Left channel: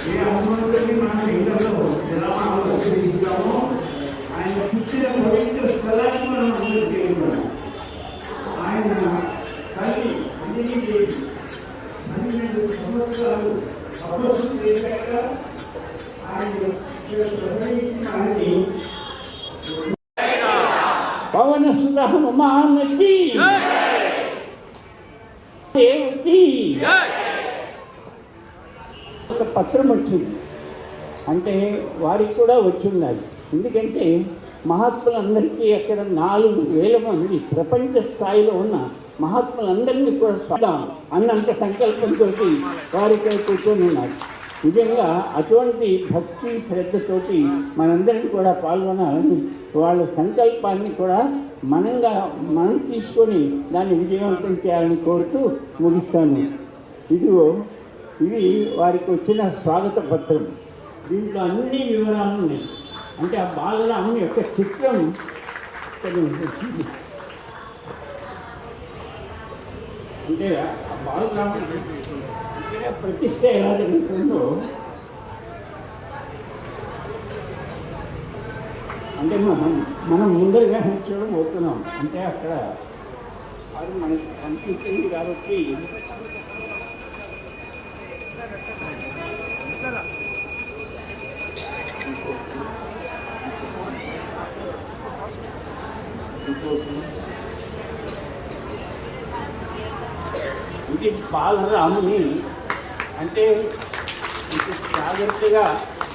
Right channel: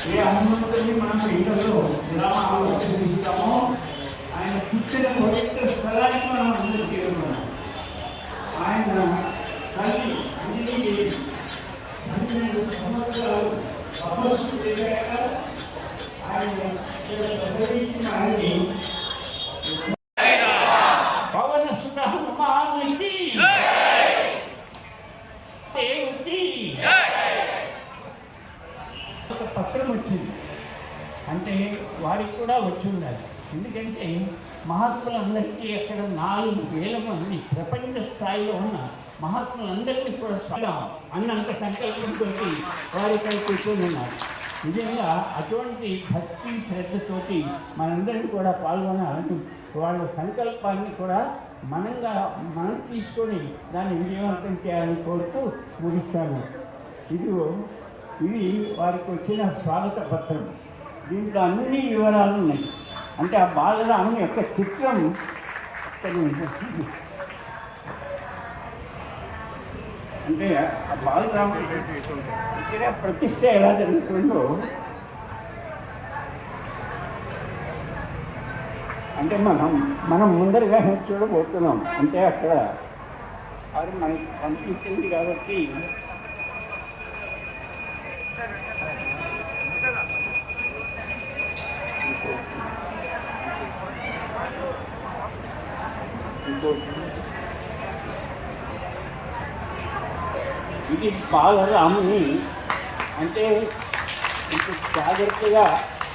ఏ హనుమంతుడిని మనం ఉపయోగించామో ఆయన పుట్టిన పవిత్ర స్థలానికి మనం ఆయన తల్లి అంజనీదేవి పన్నెండు సంవత్సరాలు తపస్సు చేశాక ఆయన ఆయన్ని పవన సుధ దేవుకి ఒక పత్రం వచ్చింది. అంటే వారికి కూడా వచ్చిండాలి ఎందుకంటే మహాత్ములందరికీ అక్కడ నాలుగు వేల మంది ప్రపంచ స్థాయిలో ఉన్న మహాత్ములందరినీ కూడా సాధాం అన్నంత సంకల్పంతో వారిపై కూర్చొని ఉన్నారు. నిజంగా అటువంటి భక్తి శ్రద్ధతోటి మనందరం కూడా పాల్గొనాలని వాళ్ళ సంకల్పాన్ని కూడా మనంగా మనం తీసుకొని దాన్ని విజయవంతం చేయాలని కోరుతూ ముగిస్తాను. ఇదిగో ఇది వారికి వచ్చిన స్వాగత పత్రం. దీంట్లో అన్ని వివరాలు ఉన్నాయి. అంటే ఆ బాలరాము యొక్క చిత్రం అంటే ఆ బాలరాముడి ప్రతిష్ట ఎలా జరుగుతుందో అంటే మనం మనం ముందరగా చూడబోతున్నాం. అంటే అక్కడ అది మనకి కనిపించింది కాబట్టి ఇది బాలరాముని అంటే జాగ్రత్తగా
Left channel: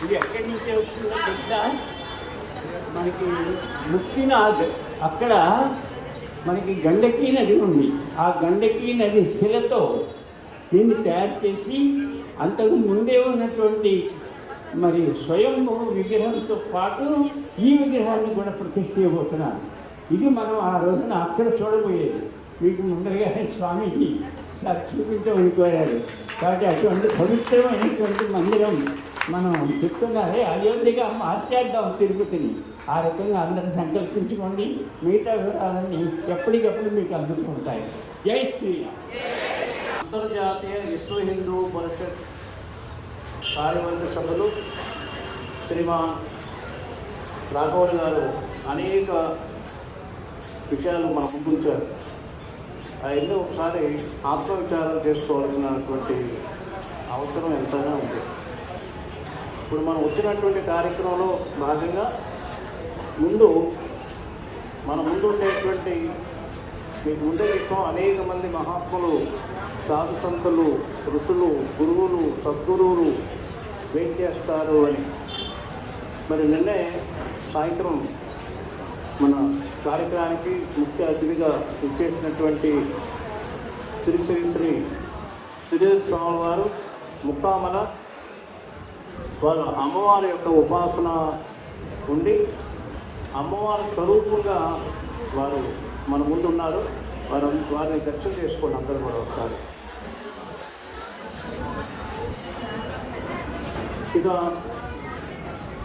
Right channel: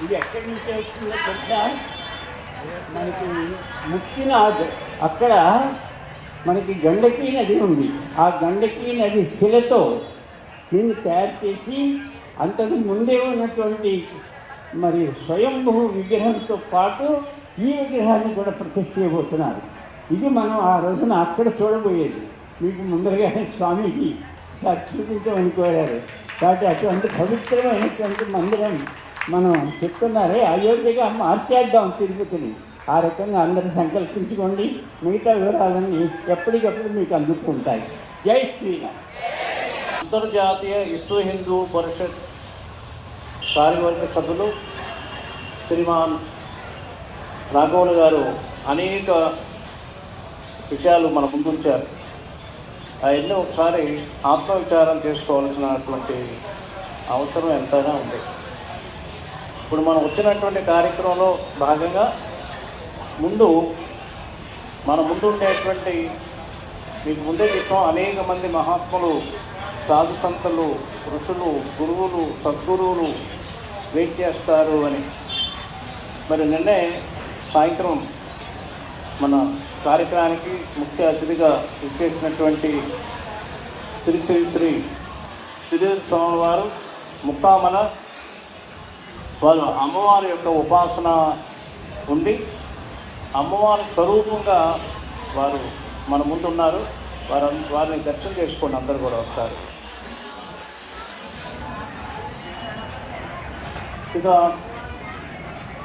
ఇది ఎక్కడి నుంచి వచ్చిందో తెలుసా మనకి ముక్తినాథ్. అక్కడ మనకి గండకీ నది ఉంది. ఆ గండకీ నది శిలతో దీన్ని తయారు చేసి అంతకు ముందే ఉన్నటువంటి మరి స్వయంభూ విగ్రహంతో పాటు ఈ విగ్రహాన్ని కూడా ప్రతిష్ఠ చేయబోతున్నారు. ఇది మనం ఆ రోజున అక్కడ చూడబోయేది. మీకు ముందరగానే స్వామికి సార్ ఉండిపోయాడు కాబట్టి అటువంటి పవిత్రమైనటువంటి మందిరం మనం చెప్తున్నారే అయోధ్యగా మార్చేద్దాం తిరుపతిని. ఆ రకంగా అందరూ సంకల్పించుకోండి. మిగతా వివరాలన్నీ ఎప్పటికప్పుడు మీకు అందుతూ ఉంటాయి జై శ్రీరామ్. అంతర్జాతీయ విశ్వ హిందూ పరిషత్ కార్యవర్గ సభ్యులు శ్రీమాన్ రాఘవులు గారు అనేక విషయాలు మన ముందుంచారు. అవన్నీ ఒకసారి ఆత్మవిచారం చేసుకోవాల్సినటువంటి అవసరం ఎంతైనా ఉంది. ఇప్పుడు మనం వచ్చినటువంటి కార్యక్రమంలో భాగంగా ముందు మన ముందు ఉండేటువంటి మీకు ముందే చెప్పాం అనేక మంది మహాత్ములు సాధు సంతులు ఋషులు గురువులు సద్గురువులు వెయిట్ చేస్తారు అని. మరి నిన్నే సాయంత్రం మన కార్యక్రమానికి ముఖ్య అతిథిగా ఇచ్చేసినటువంటి శ్రీ శ్రీ శ్రీ శ్రీద్వామి వారు ముక్కామల వారు అమ్మవారి యొక్క ఉపాసన ఉండి అమ్మవారి స్వరూపంగా వారు మన ముందున్నారు. వారు వారిని దర్శనం చేసుకోండి అందరూ కూడా ఒకసారి. ఇక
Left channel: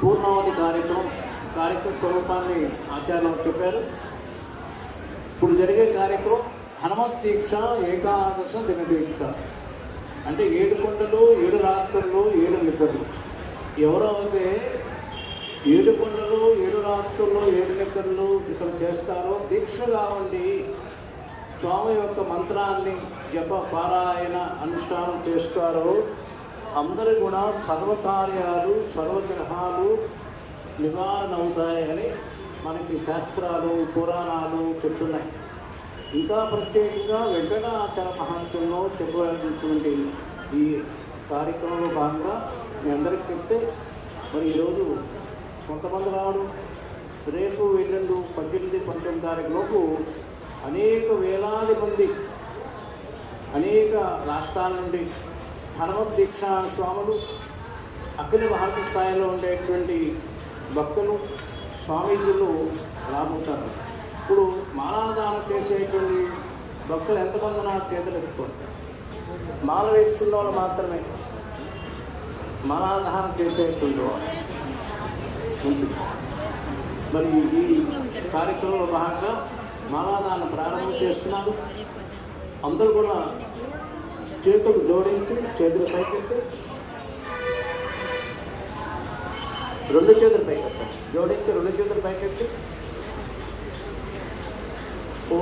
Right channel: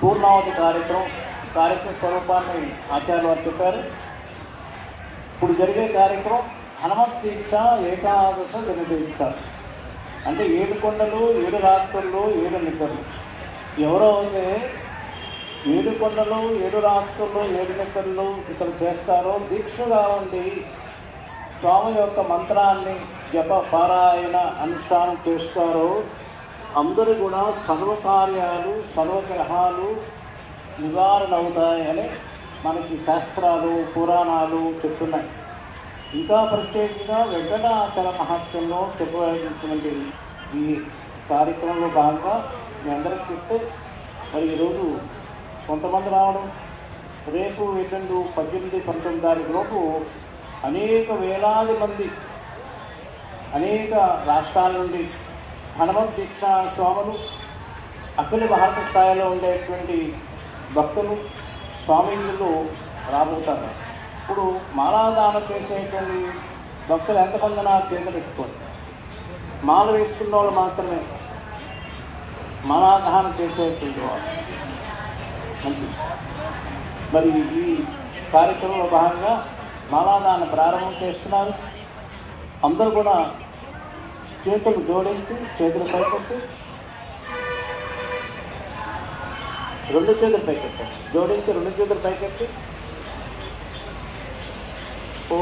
పూర్ణావతి కార్యక్రమం కార్యక్రమ స్వరూపాన్ని ఆచార్య వారు చెప్పారు. ఇప్పుడు జరిగే కార్యక్రమం హనుమత్ దీక్ష ఏకాదశ దినదీక్ష అంటే ఏడు కొండలు ఏడు రాత్రులు ఏడు నిద్రలు. ఎవరో అయితే ఏడు కొండలు ఏడు రాత్రులు ఏడు నిద్రలు ఇక్కడ చేస్తారో దీక్షగా ఉండి స్వామి యొక్క మంత్రాన్ని జప పారాయణ అనుష్ఠానం చేస్తారు. అందరి కూడా సర్వకార్యాలు సర్వగ్రహాలు నివారణ అవుతాయని మనకి శాస్త్రాలు పురాణాలు చెప్తున్నాయి. ఇంకా ప్రత్యేకంగా వెంకటాచల మహత్యంలో చెప్పవలసినటువంటి ఈ కార్యక్రమంలో భాగంగా మీ అందరికి చెప్తే మరి ఈరోజు కొంతమంది రావడం రేపు ఎల్లుండు పద్దెనిమిది పంతొమ్మిది తారీఖు లోపు అనేక వేలాది మంది అనేక రాష్ట్రాల నుండి హనుమత్ దీక్షా స్వాములు అఖిల భారత స్థాయిలో ఉండేటువంటి భక్తులు స్వామీజీలు రాబోతారు. ఇప్పుడు మాలాదానం చేసేటువంటి భక్తులు ఎంతమంది నా చేతులు ఎక్కువ మాల వేసుకున్న వాళ్ళు మాత్రమే. మాలాదానం చేసేటువంటి వాళ్ళు. మరి ఈ కార్యక్రమంలో భాగంగా మాలాదానం ప్రారంభం చేస్తున్నారు. అందరూ కూడా చేతులు జోడించి చేతులు పైపెట్టి రెండు చేతులు పైకెత్తి జోడించి రెండు చేతులు పైకెత్తి ఓ